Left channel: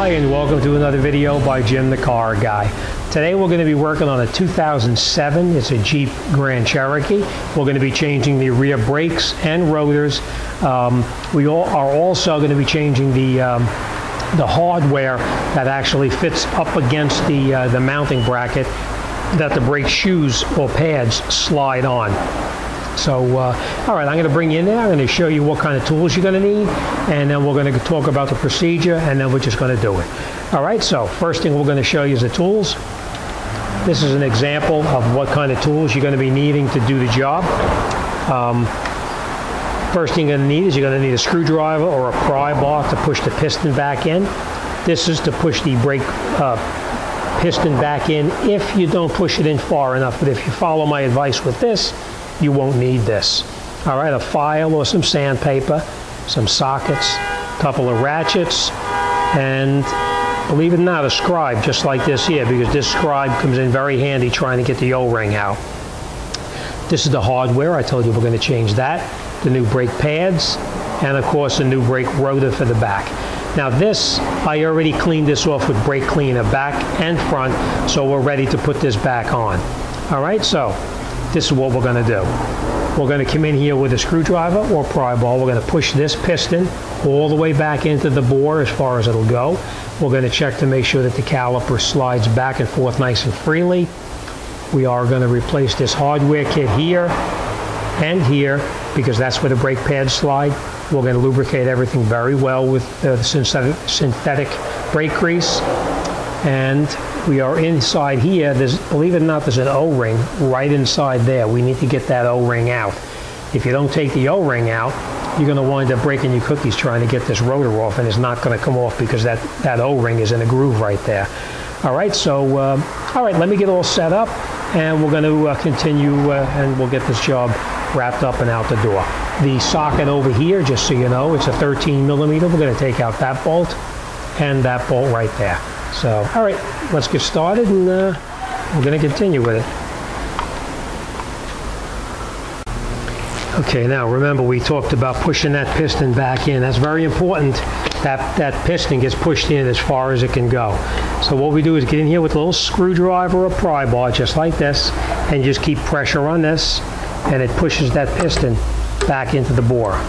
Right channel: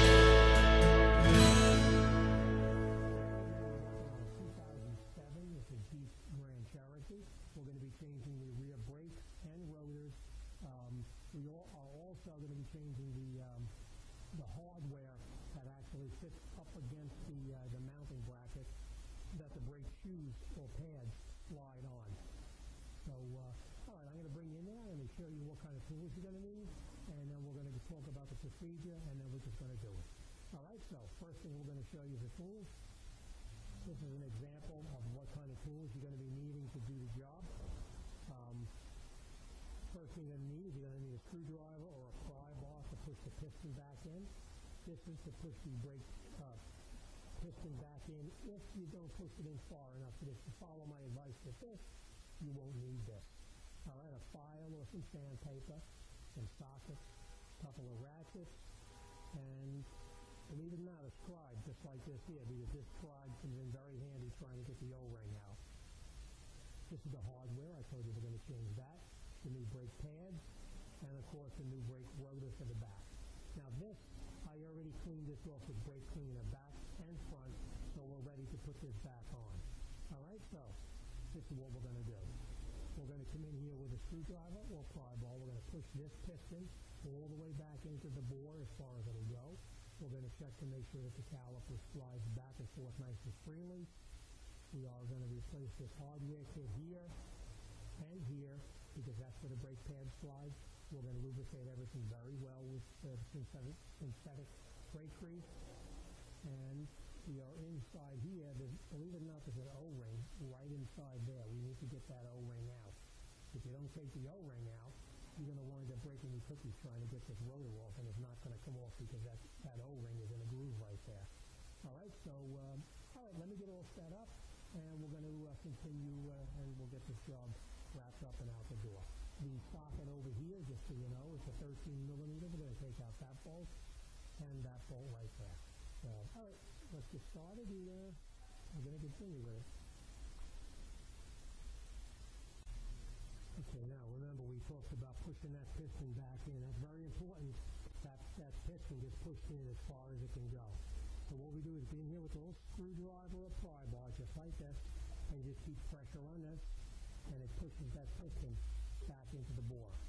Hi, and welcome to another video by Jim the Car Guy. Today we're going to be working on a 2007. It's a Jeep Grand Cherokee. We're going to be changing the rear brakes and rotors. We are also going to be changing the hardware that actually fits up against the mounting bracket that the brake shoes or pads slide on. So, all right, I'm going to bring you in there. I'm going to show you what kind of tools you're going to need, and then we're going to talk about the procedure, and then we're just going to do it. All right, so first thing we're going to show you is the tools. This is an example of what kind of tools you're going to be needing to do the job. First thing you're going to need is you're going to need a screwdriver or a pry bar to push the piston back in. This is to push the brake piston back in if you don't push it in far enough, but if you follow my advice with this, you won't need this. All right, a file or some sandpaper, some sockets, a couple of ratchets, and believe it or not, a scribe just like this here, because this scribe comes in very handy trying to get the O-ring out. This is the hardware. I told you we're going to change that. The new brake pads, and of course the new brake rotor for the back. Now this, I already cleaned this off with brake cleaner back and front, so we're ready to put this back on. All right, so this is what we're going to do. We're going to come in here with a screwdriver or pry bar. We're going to push this piston all the way back into the bore as far as it'll go. We're going to check to make sure that the caliper slides back and forth nice and freely. We are going to replace this hardware kit here and here because that's where the brake pads slide. We're going to lubricate everything very well with synthetic brake grease. And we are inside here. Believe it or not, there's an O-ring right inside there. We need to get that O-ring out. If you don't take the O-ring out, you're going to wind up breaking your cookies trying to get this rotor off, and it's not going to come off because that O-ring is in a groove right there. All right, so all right, let me get all set up, and we're going to continue, and we'll get this job wrapped up and out the door. The socket over here, just so you know, it's a 13 millimeter. We're going to take out that bolt and that bolt right there. So, all right, let's get started, and we're going to continue with it. Okay, now remember we talked about pushing that piston back in. That's very important. That piston gets pushed in as far as it can go. So what we do is get in here with a little screwdriver or pry bar, just like this, and just keep pressure on this, and it pushes that piston back into the bore.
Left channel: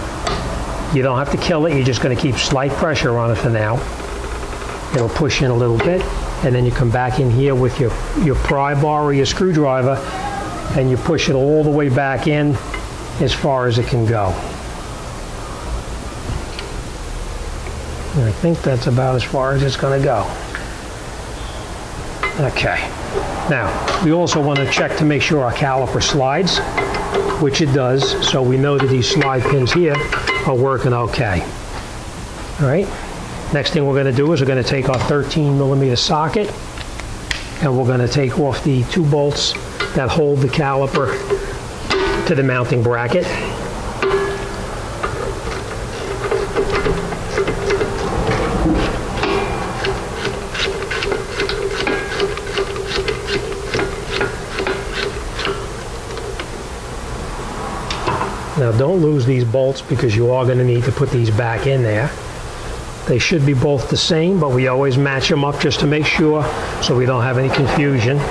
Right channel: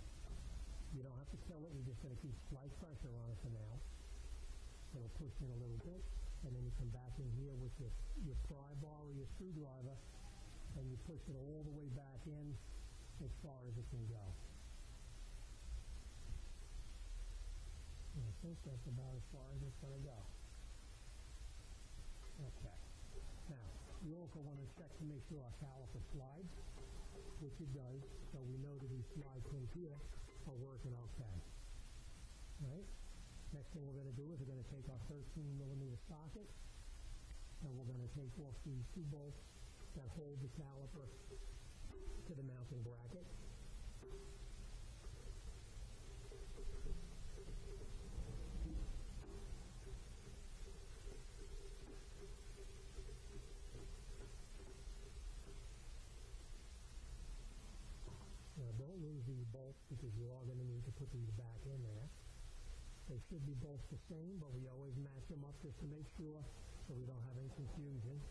You don't have to kill it. You're just going to keep slight pressure on it for now. It'll push in a little bit, and then you come back in here with your pry bar or your screwdriver, and you push it all the way back in as far as it can go. And I think that's about as far as it's going to go. Okay. Now, we also want to check to make sure our caliper slides, which it does, so we know that these slide pins here are working okay. All right. Next thing we're going to do is we're going to take our 13 millimeter socket, and we're going to take off the two bolts that hold the caliper to the mounting bracket. Now don't lose these bolts because you are going to need to put these back in there. They should be both the same, but we always match them up just to make sure so we don't have any confusion.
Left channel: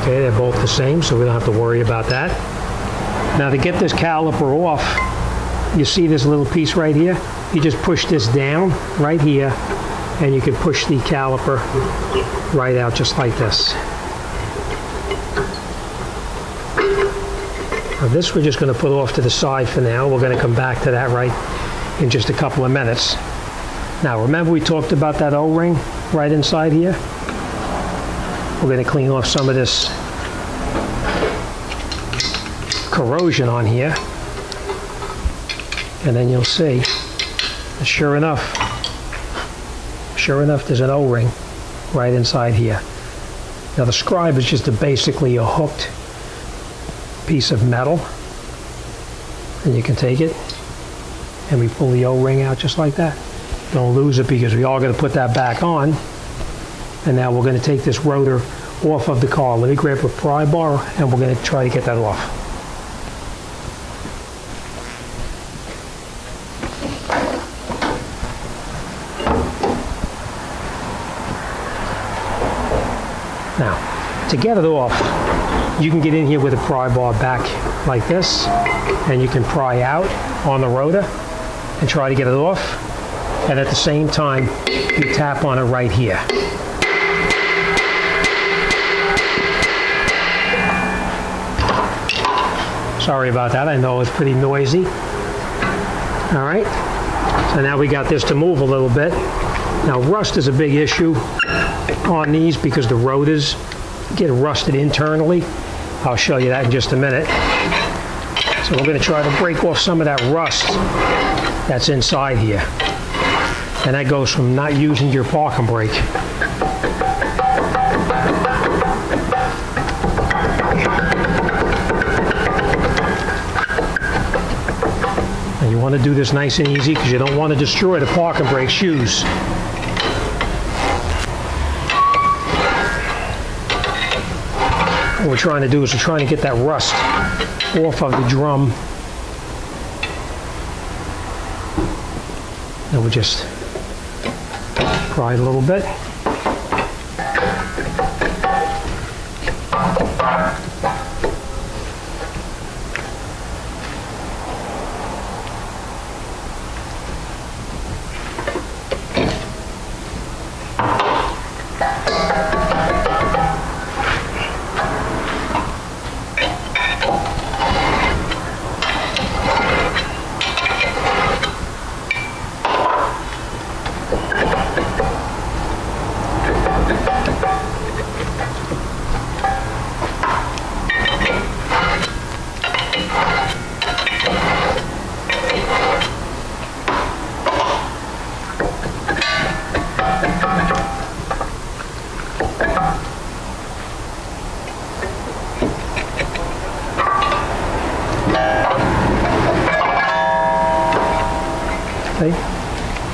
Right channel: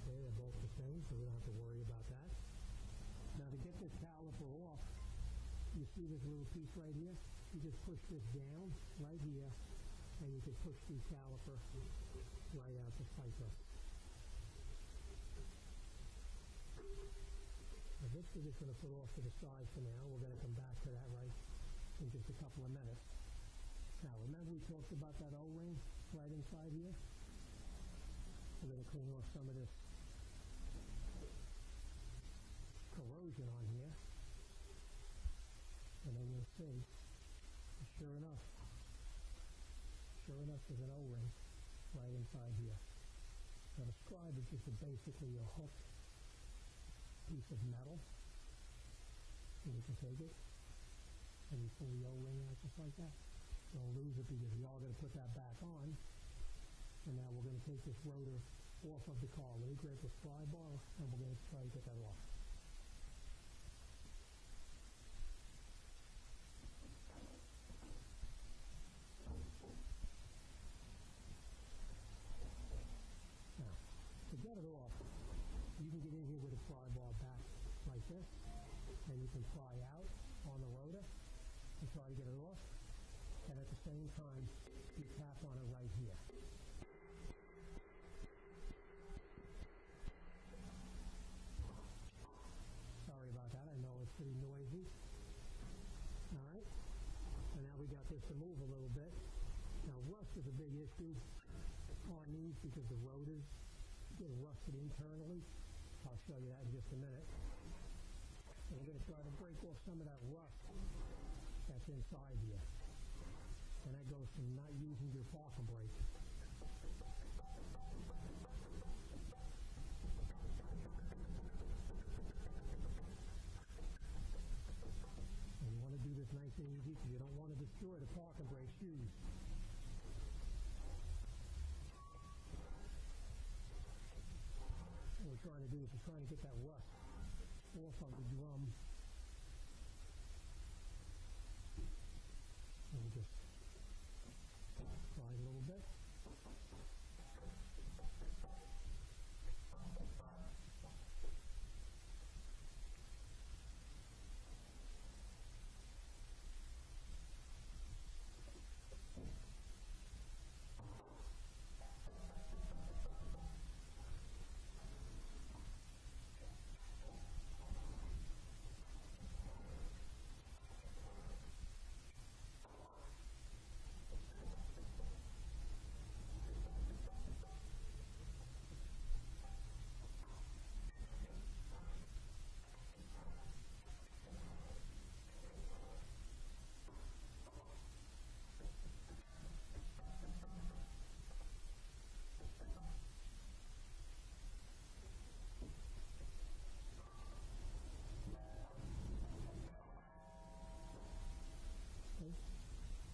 Okay, they're both the same, so we don't have to worry about that. Now to get this caliper off, you see this little piece right here? You just push this down right here, and you can push the caliper right out just like this. Now this we're just going to put off to the side for now. We're going to come back to that right in just a couple of minutes. Now remember we talked about that O-ring right inside here? We're going to clean off some of this corrosion on here. And then you'll see, sure enough, there's an O-ring right inside here. Now the scribe is just basically a hooked piece of metal, and you can take it and we pull the O-ring out just like that. Don't lose it because we are going to put that back on. And now we're going to take this rotor off of the car. Let me grab a pry bar and we're going to try to get that off. Now, to get it off, you can get in here with a pry bar back like this, and you can pry out on the rotor and try to get it off. And at the same time, you tap on it right here. Sorry about that, I know it's pretty noisy. All right, so now we got this to move a little bit. Now rust is a big issue on these because the rotors get rusted internally. I'll show you that in just a minute. So we're going to try to break off some of that rust that's inside here. And that goes from not using your parking brake. And you want to do this nice and easy because you don't want to destroy the parking brake shoes. What we're trying to do is we're trying to get that rust off of the drum. And we'll just pry it a little bit.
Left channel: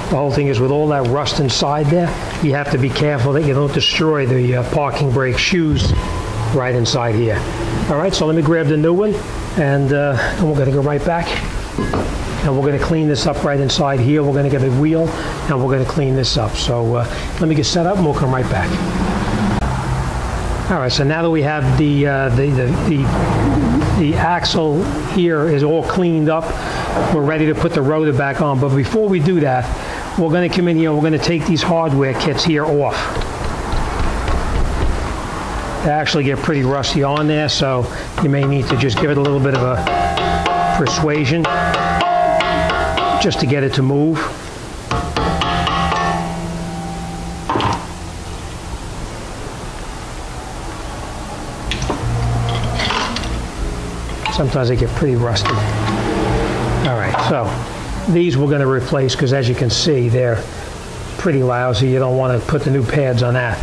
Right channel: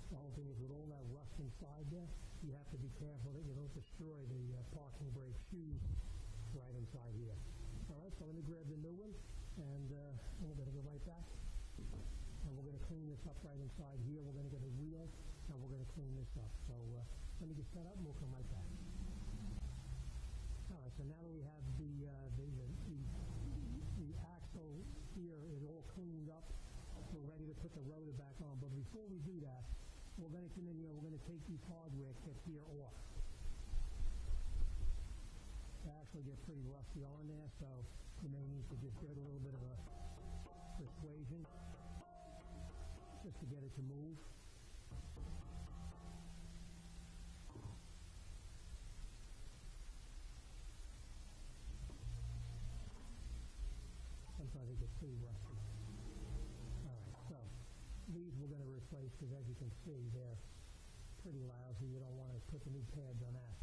The whole thing is with all that rust inside there, you have to be careful that you don't destroy the parking brake shoes right inside here. All right, so let me grab the new one, and we're going to go right back. And we're going to clean this up right inside here. We're going to get a wheel, and we're going to clean this up. So let me get set up, and we'll come right back. All right, so now that we have the axle here is all cleaned up, we're ready to put the rotor back on. But before we do that, we're going to come in here and we're going to take these hardware kits here off. They actually get pretty rusty on there, so you may need to just give it a little bit of a persuasion just to get it to move. Sometimes they get pretty rusty. All right, so these we're going to replace because, as you can see, they're pretty lousy. You don't want to put the new pads on that.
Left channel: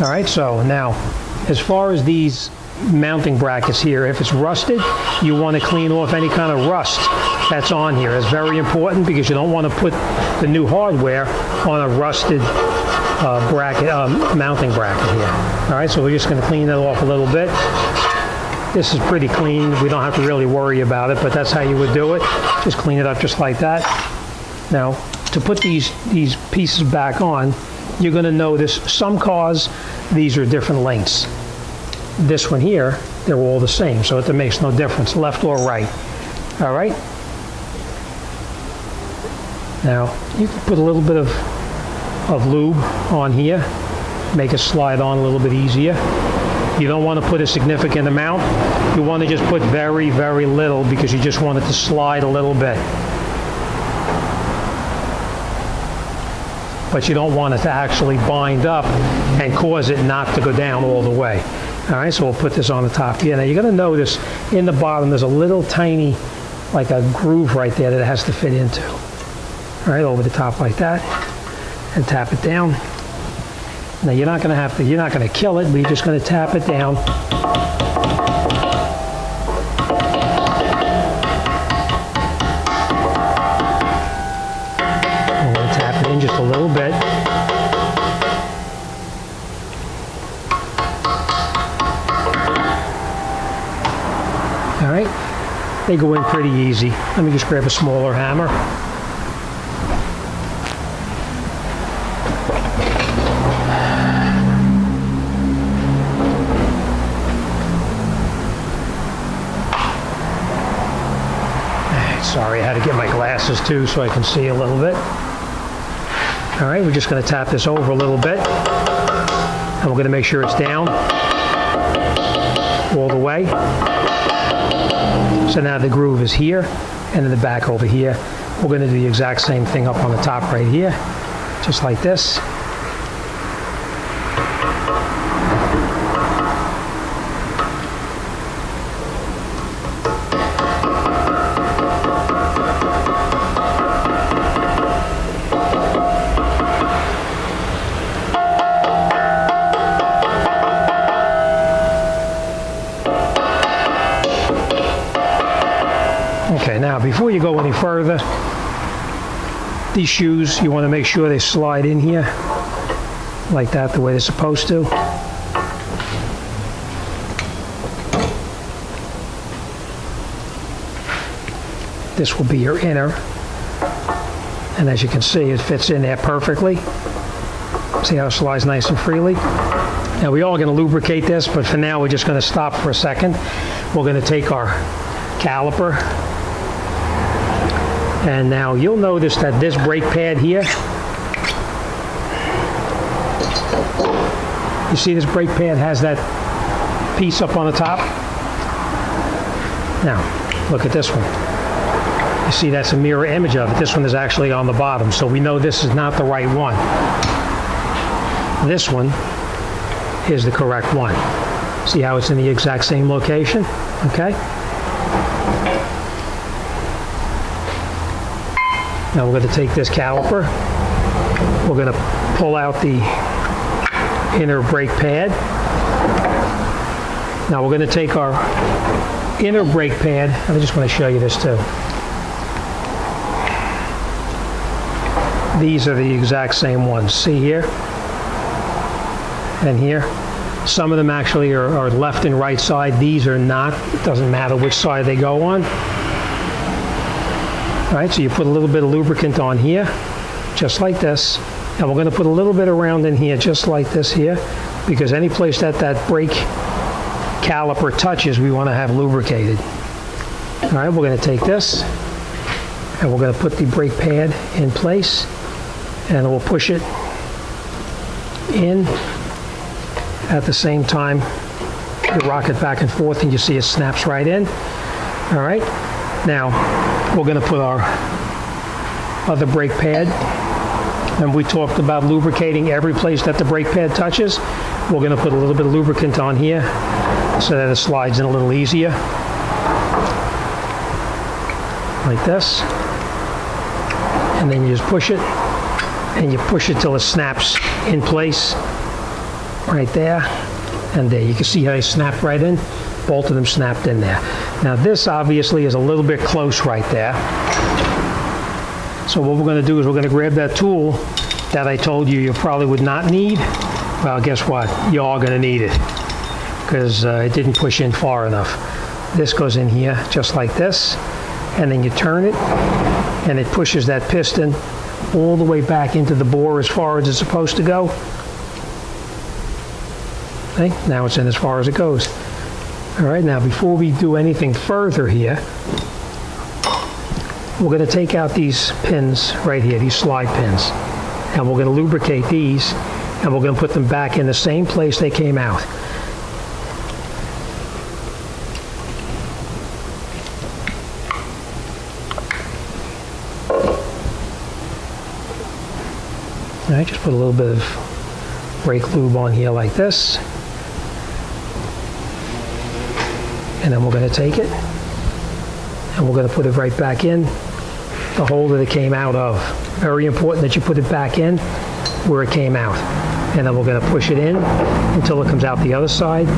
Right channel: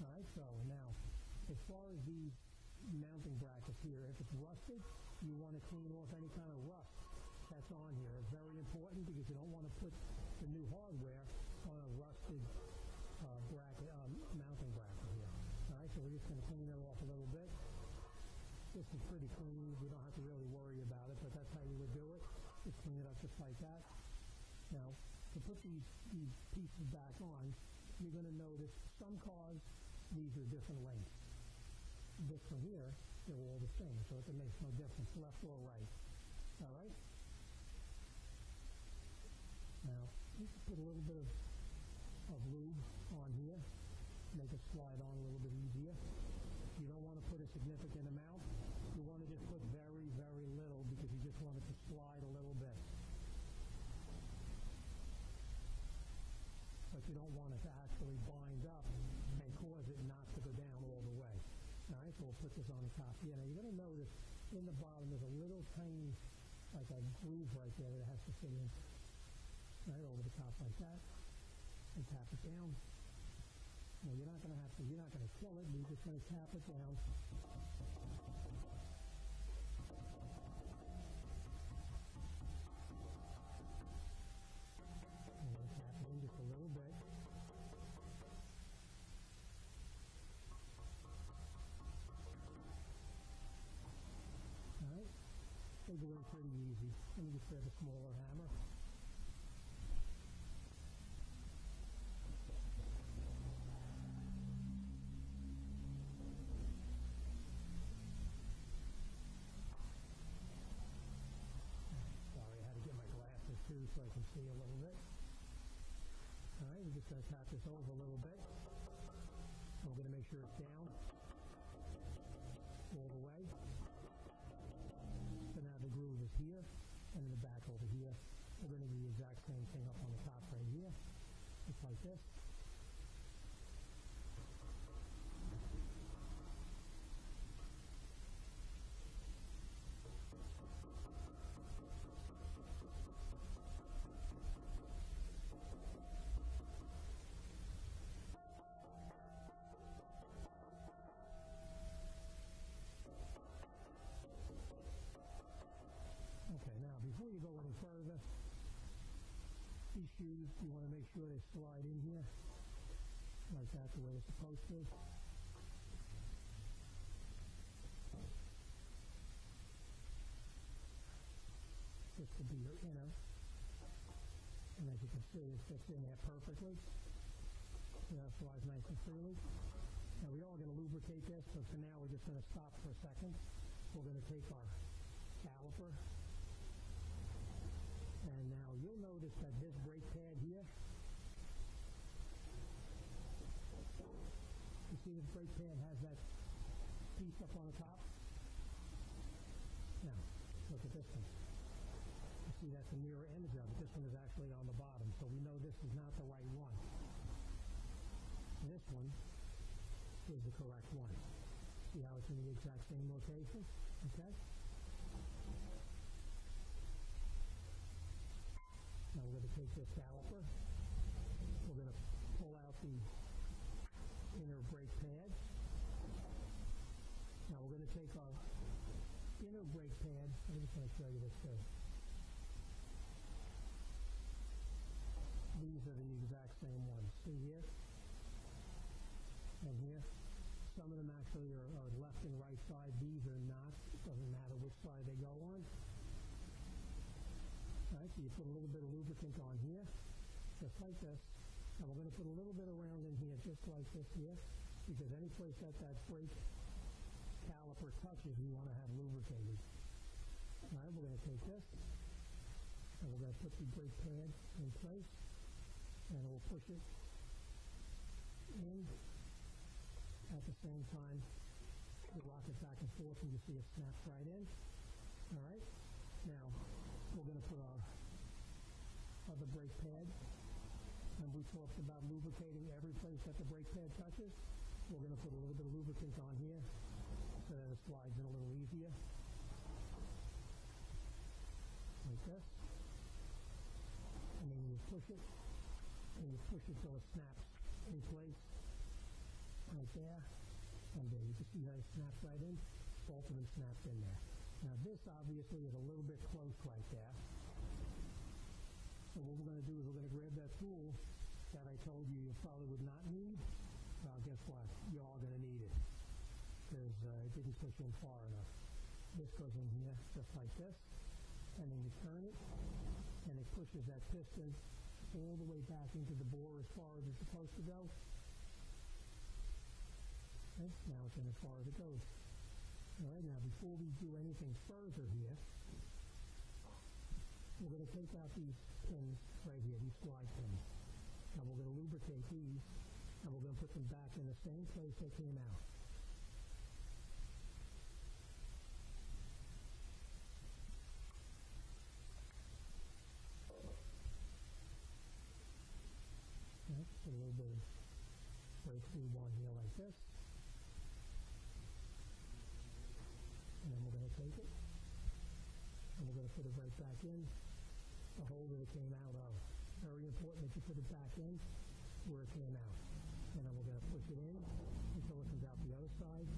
All right, so now as far as these mounting brackets here, if it's rusted, you want to clean off any kind of rust that's on here. It's very important because you don't want to put the new hardware on a rusted mounting bracket here. All right, so we're just going to clean that off a little bit. This is pretty clean. We don't have to really worry about it, but that's how you would do it. Just clean it up just like that. Now, to put these pieces back on, you're going to notice some cars, these are different lengths. This one here, they're all the same, so it makes no difference, left or right. All right? Now, you can put a little bit of lube on here, make it slide on a little bit easier. You don't want to put a significant amount. You want to just put very, very little because you just want it to slide a little bit. But you don't want it to actually bind up and cause it not to go down all the way. All right, so we'll put this on the top here. Now you're going to notice in the bottom there's a little tiny, like a groove right there that it has to fit into. All right, over the top like that, and tap it down. Now you're not going to kill it, but you're just going to tap it down. I'm going to tap it in just a little bit. All right, they go in pretty easy. Let me just grab a smaller hammer. Sorry, I had to get my glasses too so I can see a little bit. All right, we're just going to tap this over a little bit, and we're going to make sure it's down all the way. So now the groove is here, and in the back over here. We're going to do the exact same thing up on the top right here, just like this. Okay, now before you go any further, these shoes, you want to make sure they slide in here like that, the way they're supposed to. This will be your inner, and as you can see, it fits in there perfectly. See how it slides nice and freely? Now we are going to lubricate this, but for now we're just going to stop for a second. We're going to take our caliper, and now you'll notice that this brake pad here, you see this brake pad has that piece up on the top? Now, look at this one. You see that's a mirror image of it. This one is actually on the bottom, so we know this is not the right one. This one is the correct one. See how it's in the exact same location? Okay? Now we're going to take this caliper, we're going to pull out the inner brake pad. Now we're going to take our inner brake pad, and I just want to show you this too. These are the exact same ones. See here and here. Some of them actually are left and right side. These are not. It doesn't matter which side they go on. All right, so you put a little bit of lubricant on here, just like this. And we're going to put a little bit around in here, just like this here, because any place that that brake caliper touches, we want to have lubricated. All right, we're going to take this, and we're going to put the brake pad in place, and we'll push it in at the same time. You rock it back and forth, and you see it snaps right in. All right, now we're going to put our other brake pad, and we talked about lubricating every place that the brake pad touches. We're going to put a little bit of lubricant on here so that it slides in a little easier, like this. And then you just push it, and you push it till it snaps in place right there, and there. You can see how they snap right in. Both of them snapped in there. Now this obviously is a little bit close right there. So what we're going to do is we're going to grab that tool that I told you probably would not need. Well, guess what? You are going to need it, because it didn't push in far enough. This goes in here just like this, and then you turn it, and it pushes that piston all the way back into the bore as far as it's supposed to go. Okay, now it's in as far as it goes. All right, now before we do anything further here, we're going to take out these pins right here, these slide pins, and we're going to lubricate these, and we're going to put them back in the same place they came out. All right, just put a little bit of brake lube on here like this. And then we're going to take it, and we're going to put it right back in the hole that it came out of. Very important that you put it back in where it came out. And then we're going to push it in until it comes out the other side,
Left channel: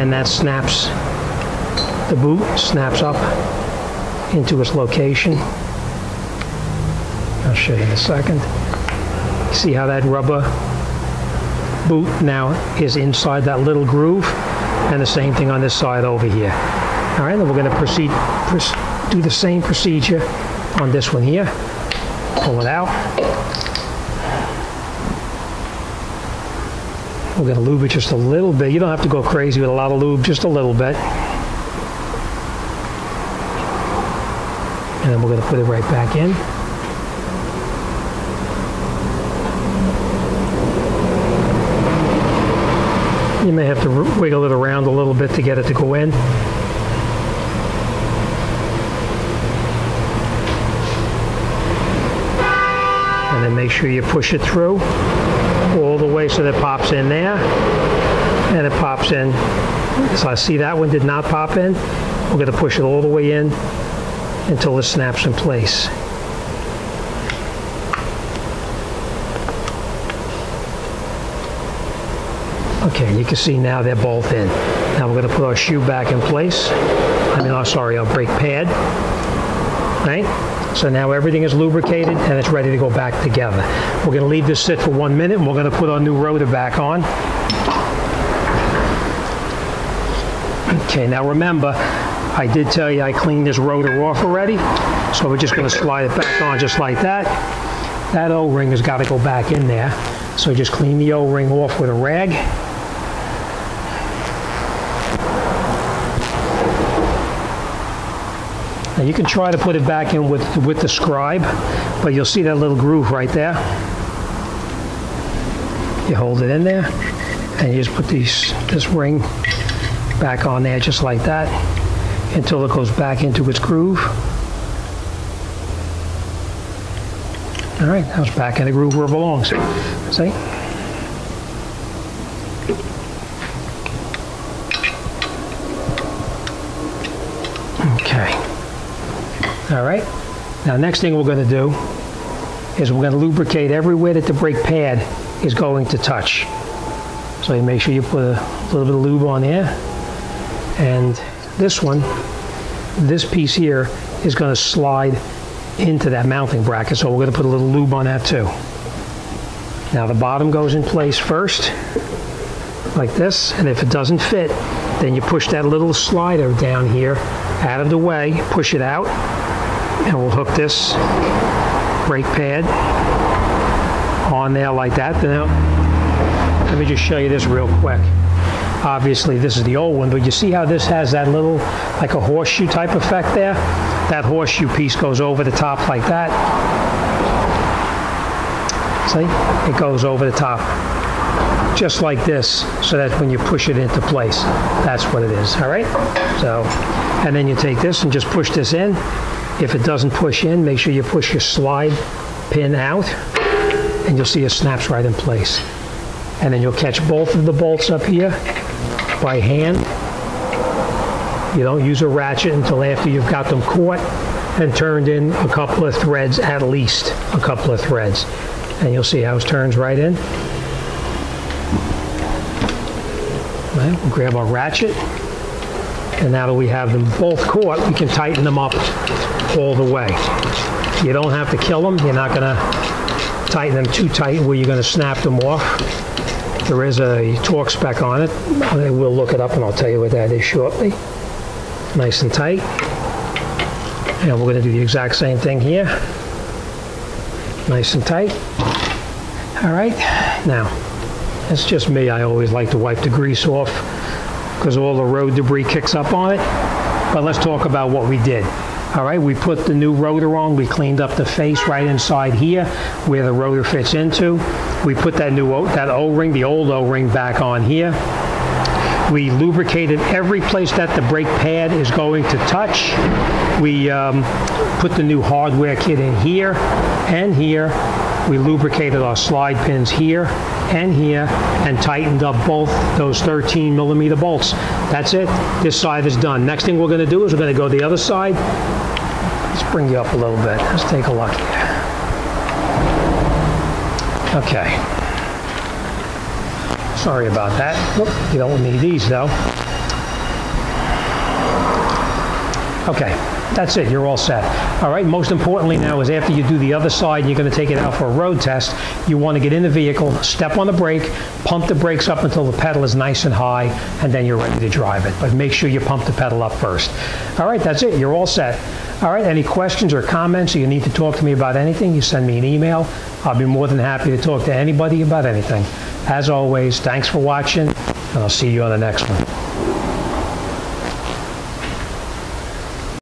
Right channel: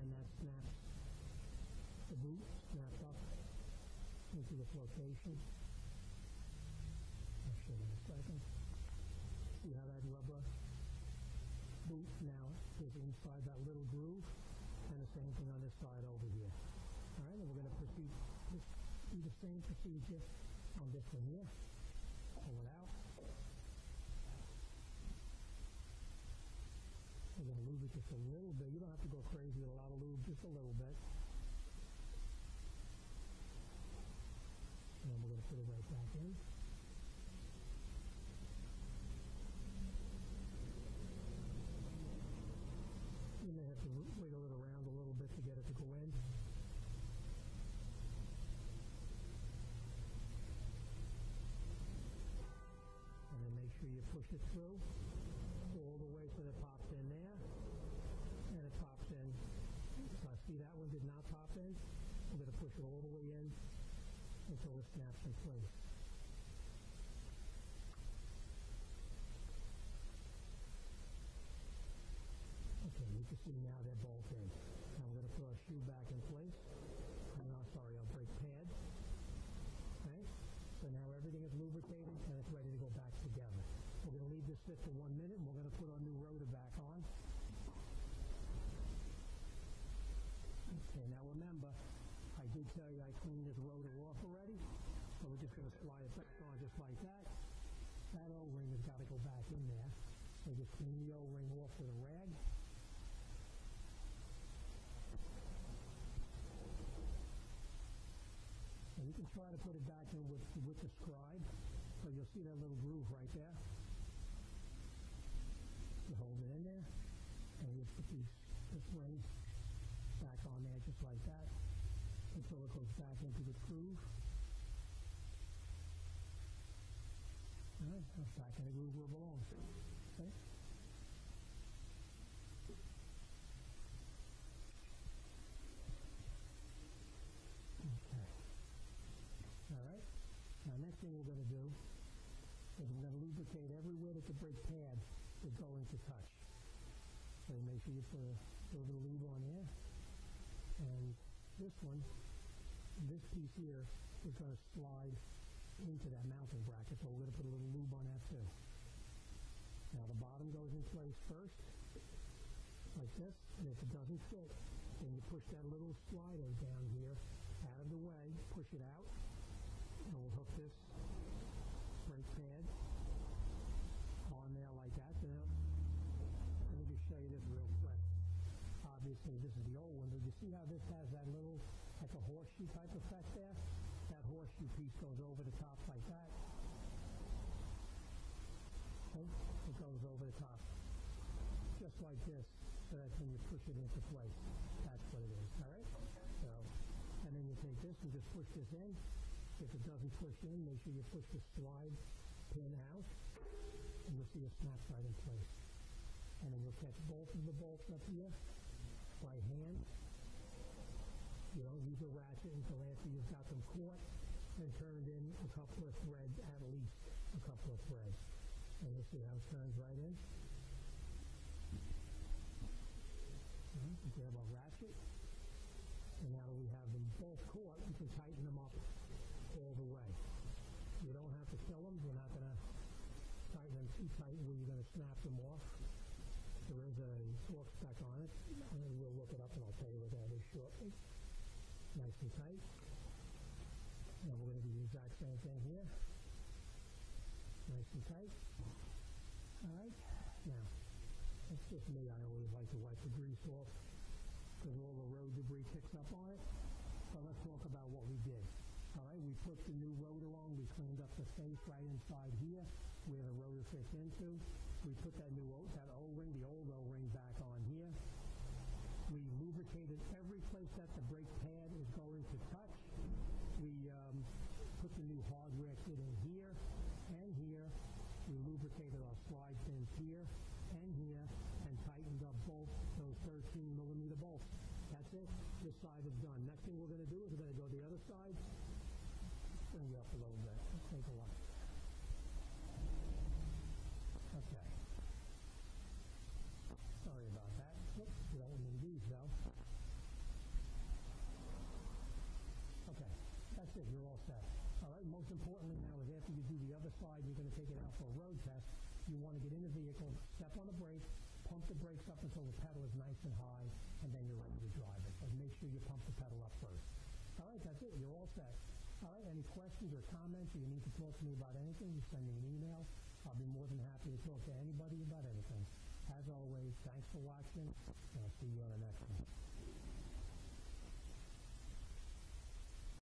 and that snaps, the boot snaps up into its location. I'll show you in a second. See how that rubber boot now is inside that little groove, and the same thing on this side over here. All right, then we're going to do the same procedure on this one here. Pull it out. We're going to lube it just a little bit. You don't have to go crazy with a lot of lube, just a little bit. And then we're going to put it right back in. You may have to wiggle it around a little bit to get it to go in. And then make sure you push it through all the way so that it pops in there. And it pops in. So I see that one did not pop in. We're going to push it all the way in until it snaps in place. Okay, you can see now they're both in. Now we're going to put our shoe back in place. Our brake pad. Right? So now everything is lubricated and it's ready to go back together. We're going to leave this sit for 1 minute and we're going to put our new rotor back on. Okay, now remember, I did tell you I cleaned this rotor off already. So we're just going to slide it back on just like that. That O-ring has got to go back in there. So just clean the O-ring off with a rag. Now you can try to put it back in with the scribe, but you'll see that little groove right there. You hold it in there, and you just put this ring back on there just like that until it goes back into its groove. All right, now it's back in the groove where it belongs. See? Okay. All right. Now, next thing we're going to do is we're going to lubricate everywhere that the brake pad is going to touch. So you make sure you put a little bit of lube on there. And this one, this piece here, is going to slide into that mounting bracket. So we're going to put a little lube on that too. Now the bottom goes in place first, like this. And if it doesn't fit, then you push that little slider down here out of the way, push it out, and we'll hook this brake pad on there like that. Now, let me just show you this real quick. Obviously, this is the old one, but you see how this has that little, like a horseshoe type effect there? That horseshoe piece goes over the top like that. See? It goes over the top. Just like this, so that when you push it into place, that's what it is, all right? So, and then you take this and just push this in. If it doesn't push in, make sure you push your slide pin out, and you'll see it snaps right in place. And then you'll catch both of the bolts up here by hand. You don't use a ratchet until after you've got them caught and turned in a couple of threads, at least a couple of threads. And you'll see how it turns right in. Right, we'll grab our ratchet, and now that we have them both caught, we can tighten them up all the way. You don't have to kill them. You're not going to tighten them too tight where you're going to snap them off. There is a torque spec on it. We'll look it up and I'll tell you what that is shortly. Nice and tight. And we're going to do the exact same thing here. Nice and tight. All right, now, it's just me. I always like to wipe the grease off because all the road debris kicks up on it. But let's talk about what we did. All right, we put the new rotor on. We cleaned up the face right inside here where the rotor fits into. We put that that O-ring, the old O-ring, back on here. We lubricated every place that the brake pad is going to touch. We put the new hardware kit in here and here. We lubricated our slide pins here and here and tightened up both those 13mm bolts. That's it. This side is done. Next thing we're going to do is we're going to go to the other side. Let's bring you up a little bit. Let's take a look here. Okay. Sorry about that. Whoop, you don't need these though. Okay, that's it. You're all set. All right, most importantly now is after you do the other side, you're going to take it out for a road test. You want to get in the vehicle, step on the brake, pump the brakes up until the pedal is nice and high, and then you're ready to drive it. But make sure you pump the pedal up first. All right, that's it. You're all set. All right, any questions or comments, or you need to talk to me about anything, you send me an email. I'll be more than happy to talk to anybody about anything. As always, thanks for watching, and I'll see you on the next one.